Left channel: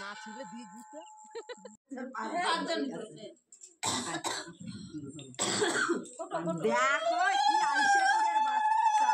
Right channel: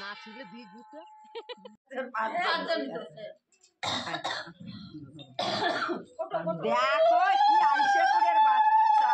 না ছিলে দুই গুতে দেখো কি আইসে কুড়ের বাচ্চা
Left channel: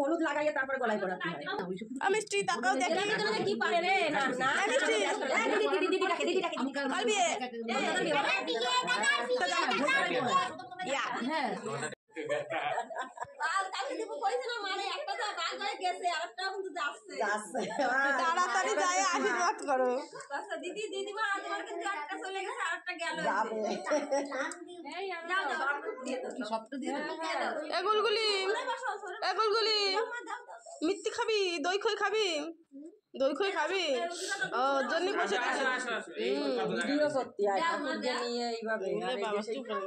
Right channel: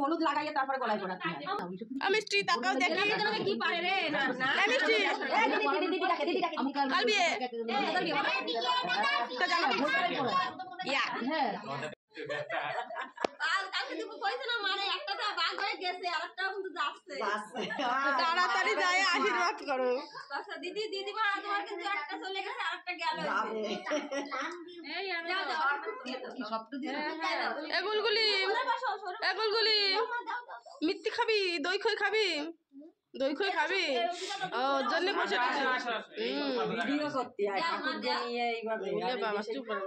হলুদ লাগাইয়ে তারপর গলায় পড়াতে হয়। আমি স্ত্রী তাকাও দেখি কি পারে রে না না আমি স্ত্রী দিদি ডাকে কালবি তো জানা ইয়া হ্যাঁ আর কালকে দিব কইছে না মানে একটা তো বাগ হয়ে গেছে আরেকটা কিন্তু যাচ্ছে তাড়াতাড়ি যায় আশীর্বাদ করো আচ্ছা দিদি মা তোমার কিন্তু একটা চলে গেছে আরেকটা গেল যাবে এই যাও যাও কি সবটা দিয়ে এগুলগুলি মিত্তি খাবি দই খই খাবি ও জন্য বসে ভিডিও করতে হয় ঠাকুরকে নিয়ে এইভাবে বাবা চুপ করো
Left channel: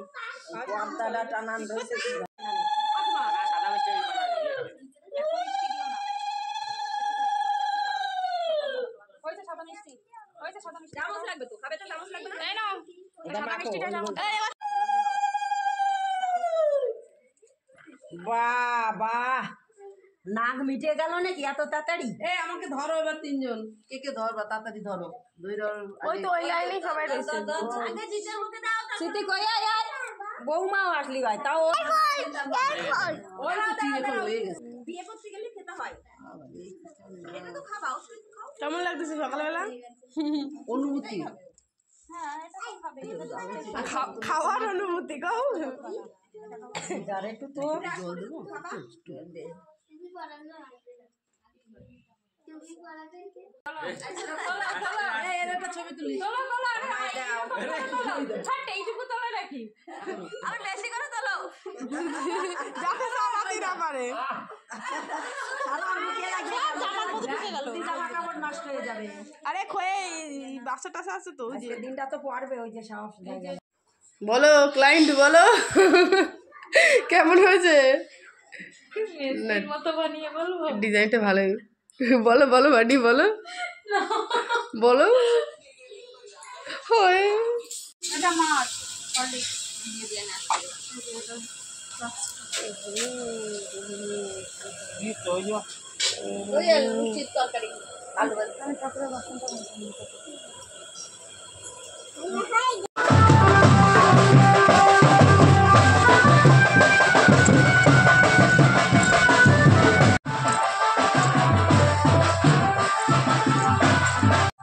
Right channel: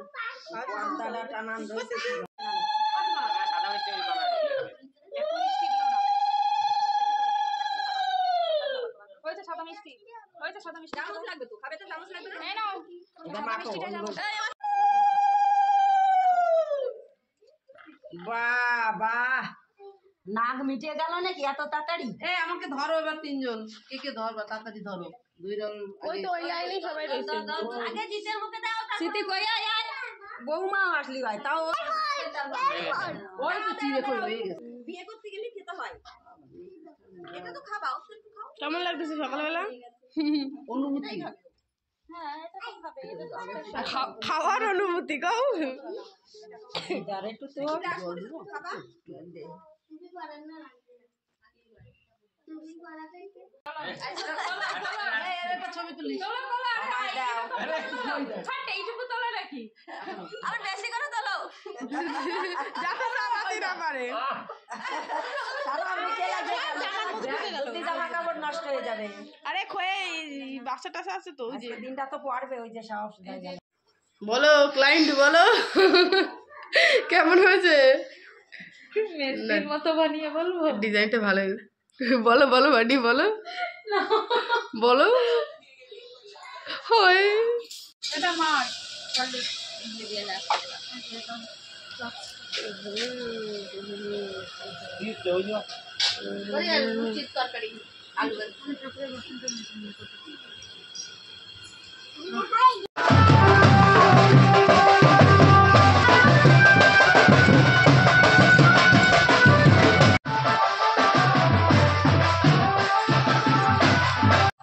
পর্দাটা টানান রইছে সাদা মিষ্টি করা হইছে সাদা মিষ্টি চামচ লাগবে তো খাবে তো চামচ লাগবে না এই নাও সাদা মিষ্টিটা চামচ বাবা নাক মিটে গেল নাকি এত তাড়াতাড়ি আমাকে ধরো এবার তিনজন কে ধরবা তাড়াতাড়ি ধরো ওই তো ওই লাইনে সবাই রয়েছে আগে জিতের মুখে দাও সিটি কই আয় বৌমাও আসলি ভাই তাও ওই তো চিড়ে কই হয়ে গেছে বিয়ে করতে গেলে খেতে হয় এটা তো খাবা অবশ্যই খাও কেমন লাগতেছে সকালবেলা অনুভূতি হ্যাঁ এটা তো খাবে খাওয়ার অনুমতি গো যারে একটু তো জল দেবো ছবি তুলি এইটুকু তোলা রাখি আরে বেশি করে তোলো যাতে সামাতি না পারে আরে খয়ে বাচ্চা টাসা আছে তো ওই যে দিনটা তো পড়বে ওই যে সাহস বলো ক্লায়েন্ট বলো কেমন হয়েছে মেসির মতো বানিয়ে বলবো ডিজাইনটা ভালো বলো বাড়ি বলো হয় এটা মার দিয়ে দিয়ে না তরকারি আলু ঠাকুরের বাসনটা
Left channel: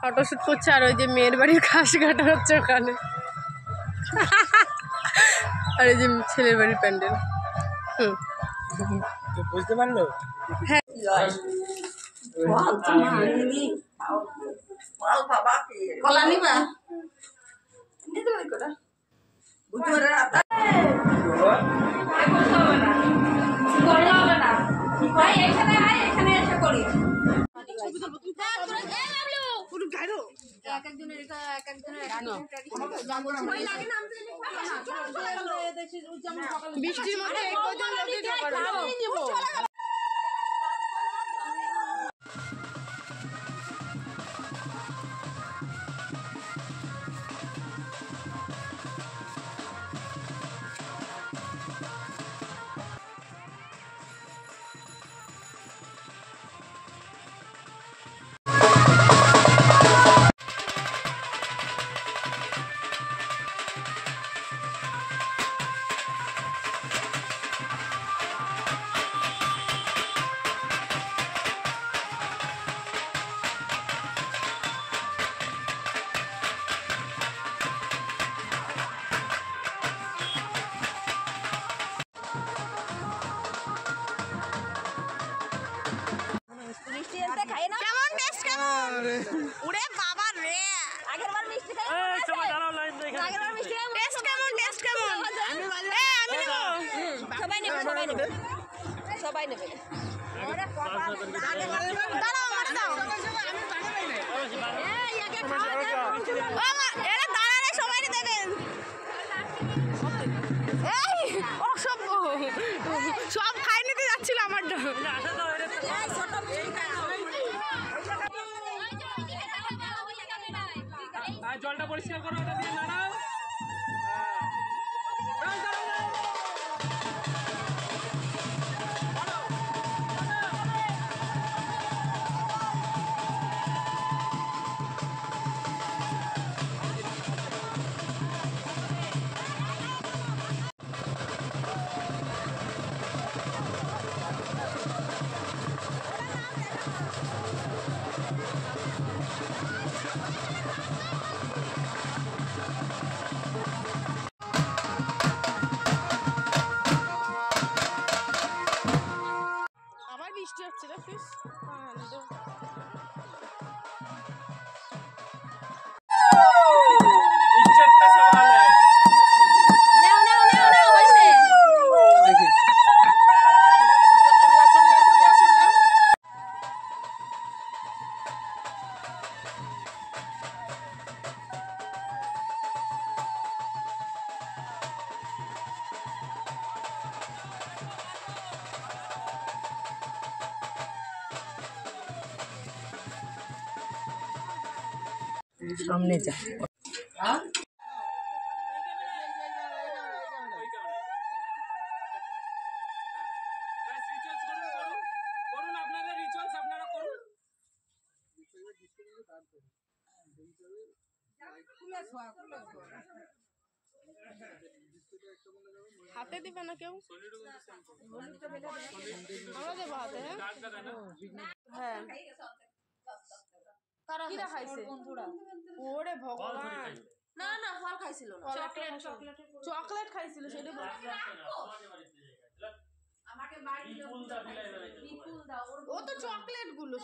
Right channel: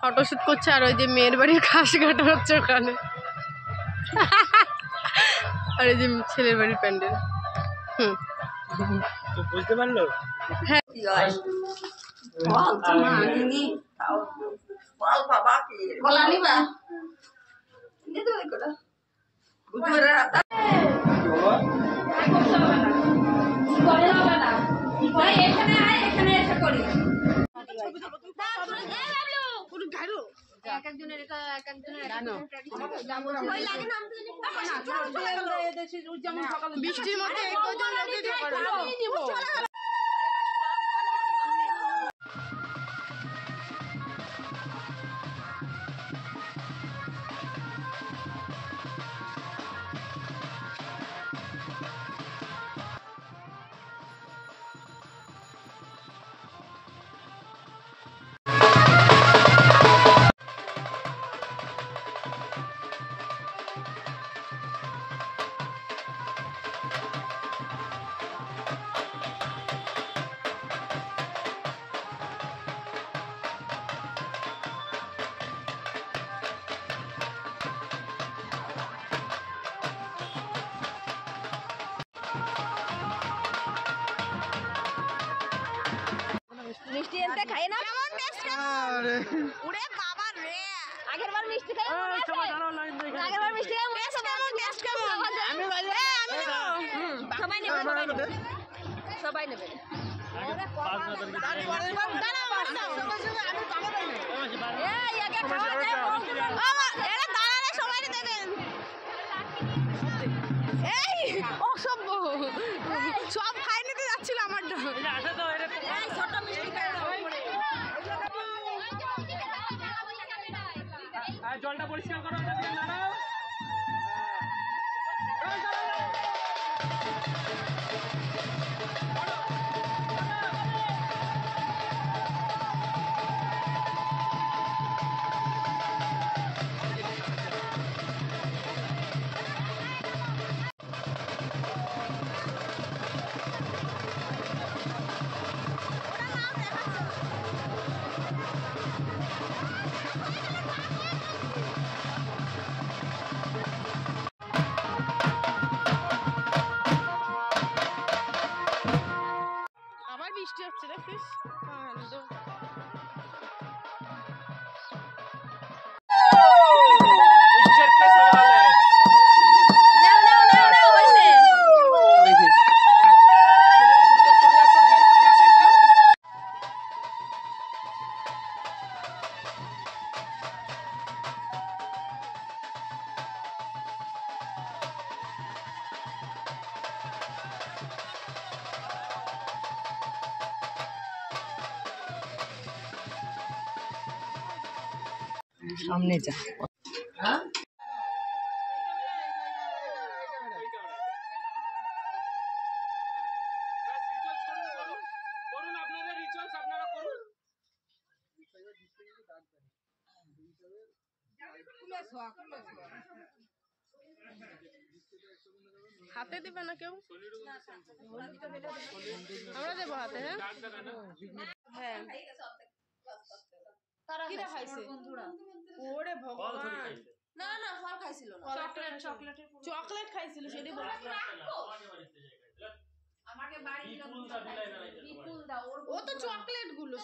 ফটোশুট করছে আর ওই যে মেয়ের বাড়ির ঘাস কাটা হচ্ছে ওখানে আর এই যে ছেলের বাড়ির প্যান্ডেল বুঝতে পারলো হ্যাঁ বৃষ্টির মধ্যে সবাই নেবে দাঁড়াও আমার দাও এরা দাঁড়ালে সবাই দেবেন এই অসভ্য সব খাই নিতে যাচ্ছিল আমারটা জলটা পরিষ্কার করো আবার বৃষ্টি হচ্ছে দেখিস সামনে যা হাতে দিবে না কেউ আমরা দেবো হাতে হ্যাঁ কি দেখাইছে ওরে ভগবান না না ফল খাইছিল না চকলেট খাইছিল সেটাই আমাকে বাড়ি ও তো চকলেট গুলো